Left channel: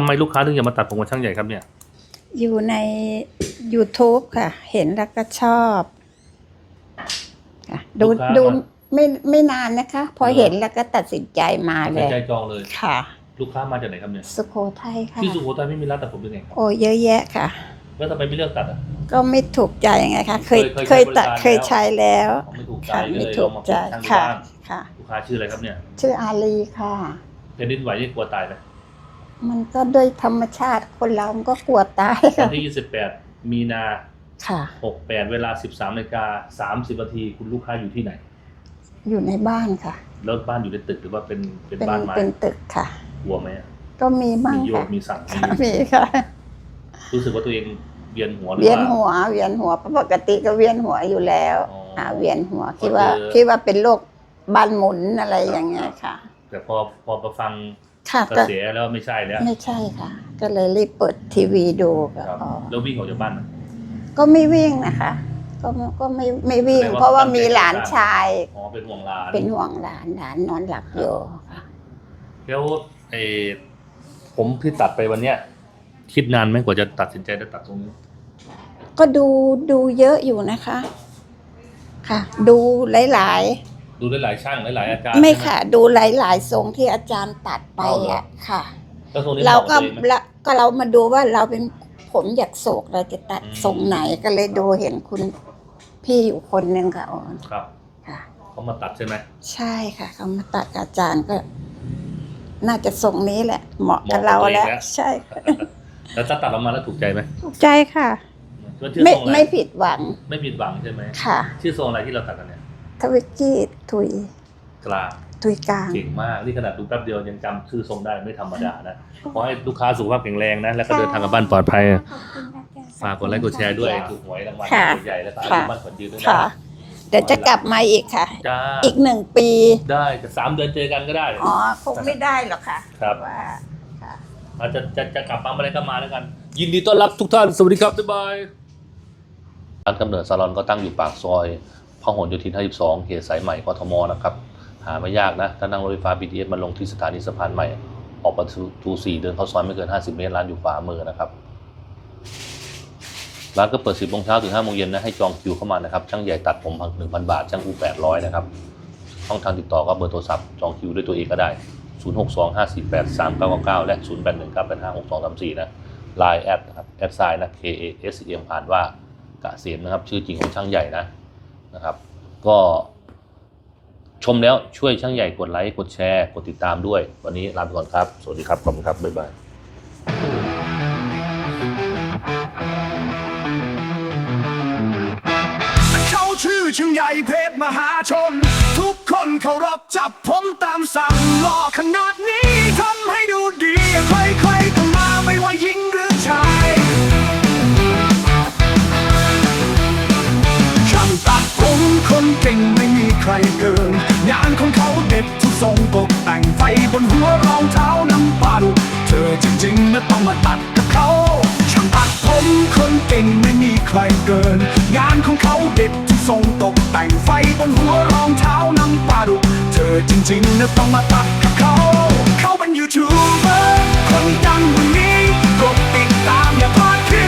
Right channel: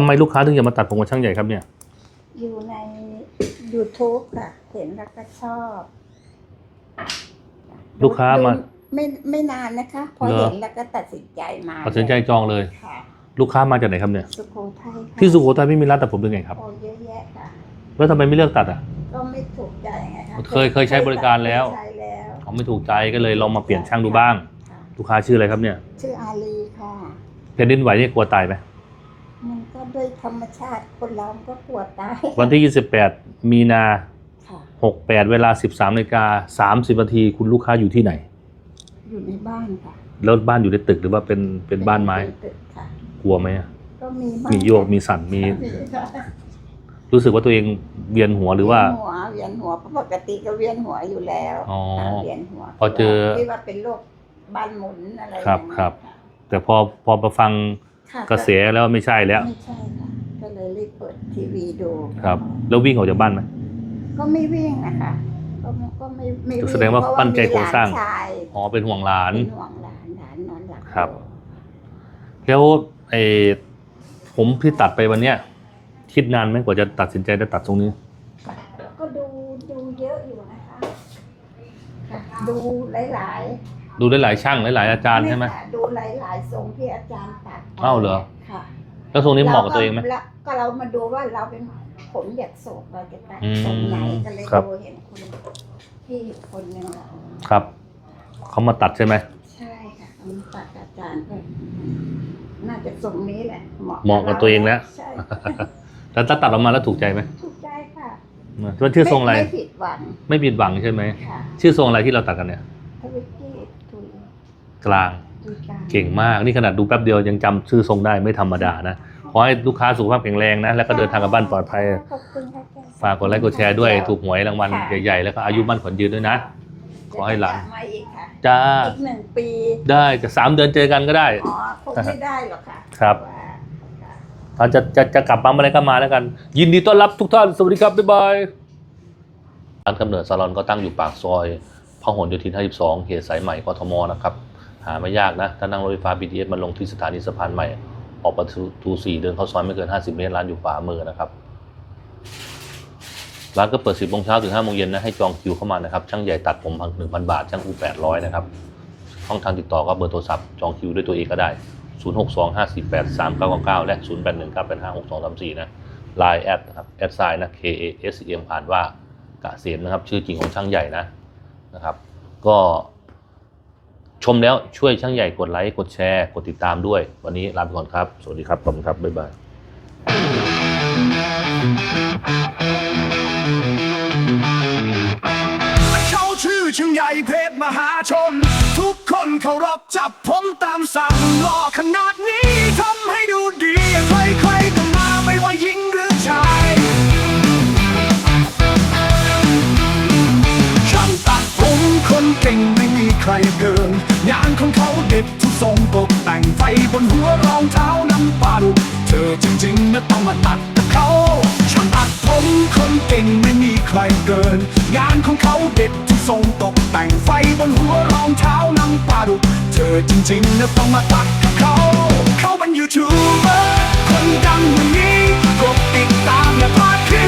ำไมลูกค้าถึงจะมาตัดผมกับช่างใหญ่ครับเนี่ย อยู่ใน YouTube ค่ะ เห็นแล้วก็ชอบค่ะดูลูกค้าดูมาไม่ไม่นานนะคะ พอเหรอ เห็นแล้วก็ตัดสินใจมาตัดเลสินใจยจองเลย ค่ะ ลูกค้ามาจากไหนครับเนี่ยสุโขทัยค่ะที่สุโขทัยไม่มีร้านตัดผมเป็นไงครับ โอ้เยอะแยะค่ะ แล้วทำไมไม่เลือกตัดอะ ก็ไม่ถูกใจไงคะเคยเคยใช้บริการเคยแล้วใช้แล้วเขาไม่ถูกใจค่ะก็เลยไม่ลถูองมาเปลี่ยนใจช่างดูค่ะบ้างค่ะ ลูกค้าชื่ออะไรครับเนี่ยชื่ออาลีค่ะแผ่นดินไหวนี่กลัวตายไหม มันก็ด้วยธรรมชาติคนเรามันก็กลัวตายวัค่ะนที่ 28 มีนา ค่ะ 68 เวลา 13นาฬิกา30นาทีคุณลูกค้าอยู่ที่ไหน อยู่ในบ้านค่ะ แล้วบ้านอยู่ในตึกหรือว่าเป็นเป็นบ้านไม้ เป็นตึกค่ะ กลัวไหมอะก็มีบ้างมีโยกค่ะมีสั่นมีมีค่ะ รู้สึกว่าตัวเองเวียนหัวหรือเวียนว่าหัวเวียนหัวเพราะปกติก็เวียนหัวอยู่แล้วอ๋ออ่าเวียนหัวพอที่เจว่าอที่ว่าเป็นโรคบ้านหมุนอะไรครับอย่างเงี้ครัยบค่ะ แต่พอพอมาฟัง ค่ะกระแสแล้วไม่ใช่แล้ว ไม่ใช่ค่ะ ก็เลยรีบเปิดทีวีดูก็ครับ อ๋อแล้ววิ่งออกจากบ้านไหม ก็ไม่วิ่งนะคะ ก็ไม่ก็ไม่ไม่วิ่งแสดงว่าเพราะว่าตั้งใจมีหลานก่อสร้าง ชายอ๋อเป็นห่วงหลาน เป็นห่วงหลานหลานนอนหลับครัอบยู่ค่ะแล้วไอ้ผมที่ตัดไปวันเนี้ยคิดนานไหมกว่าจะตัดสินใจได้ตัดตรงนี้ ก็ดูดูเยอะอยู่นะคะ ค่ะ ดูหลาย ดูหลายๆช่างหลายๆอาจารย์ๆไม่ใช่ไหม ค่ะ ดูหลายๆทรงที่อาจารย์ตัดไปอ้าวเหรอ อะค่ะแล้วตรงนี้เหเรามาะกับก็ตัวเองไหม ละก็เรามาดูว่าเราเป็นผมอยากโศกเราจะตัดอืมทรงไหนก็เลยครับ ดูเห็นคุณพี่อยู่คนหนึ่งค่ะอ๋อครับค่ะ เขามาตัดใช่ไหม ใช่ค่ะเขามาตัดกับอาจารย์ก็ น่าจะทรงนี้แหละ เหมาะเหกับมาะกับเราตัวเองแล้แล้ววใช่ค่ะแล้วถ้าตัดออกมาแล้วถูกใจไหมถูกใจค่ะว่าชื่อไม่ทรงอะไรไม่ผิดหวังไม่ผิดหวังใช่ไหมค่ะ ชื่อทรงอะไรที่เราตัดกันเนี่ย ทวิกกี้ทุยกลางทุยกลาง เก่งมากนี่ขนาดดูแป๊บเดียวยังจำชื่อทรงได้ไม่ธรรมดานะขอให้ลูกค้าสุขภาพแข็งแรงนะ แล้วก็เดินทางกลับบ้านปลอดภัย ขอบคุณค่ะฝากกดไลค์กดแชร์ด้วยถูกหวยรางวัลค่ะใหญ่ๆแล้วก็อายุมั่นขวัญยืนด้วยนะ ค่ะเดี๋ยวจะกลับมาอีกค่ะ จ้า อีกหนึ่งปี ได้จะสามเดือนเจอกันก็ได้ อ๋อ คงไม่ได้หรอกค่ะครับว่าค่ะ ถ้าจะจะจะกลับมาเมื่อไหรก็มาแล้วกัน ยินดีต้อนรับทุกท่าน สวัสดีครับ บ๊ายบายร้านกำเนิดซาลอนก็ตั้งอยู่ปากซอย พหลโยธิน 52 เขตสายใหม่กทมนะครับ หาไม่ยากนะ ถ้านั่งรถไฟฟ้า BTS มาลงที่สถานีสะพานใหม่ ออกประตู4เดินเข้าซอยไม่เกิน 50 เมตร ร้านอยู่ขวามือนะครับ ร้านก็เปิด 10โมงเช้าถึง5โมงเย็นนะ ให้จองคิวเข้ามานะครับ ช่างใหญ่ตัดผมพัน1,000บาท ช่างอู800 นะครับ ช่องทางติดต่อก็เบอร์โทรศัพท์ จองคิวด้วยตัวเองก็ได้ 0625483999 และ 0819856234 นะ Line แอดนะครับแอดไซน์นะ K A S E M อ่านว่ากะเสียมนะครับ ชื่อจริงของช่างใหญ่นะ นะครับ ก็ชมแล้วช่วยช่างใหญ่กดไลค์กดแชร์ กดติดตามด้วย วันนี้ลาไปก่อนครับ สวัสดีครับขอบคุณครับ บ๊ายบายเขาชื่อชิงใหญ่เพชรมหาชน ทุกคนเคารพจับผมตามสั่งหล่อขนาดนี้ทำ ก่งไม่มีใครเกิน งานของเขาเด็ดทุกทรงตกแต่งไฟบนหัวรองเท้าน้ำปลาดุเธอจริงๆนะต้องมาตัดกับเขาช่างตัดผมคนเก่งไม่มีใครเกิน งานของเขาเด็ดทุกทรงตกแต่งไฟบนหัวรองเท้าน้ำปลาดุเธอจริงๆนะต้องมาตัดกับเขา เขาเป็นยูทูบเบอร์คนดังวันนี้กดติดตามอย่าพลาดคลิปใหม่สอนตัด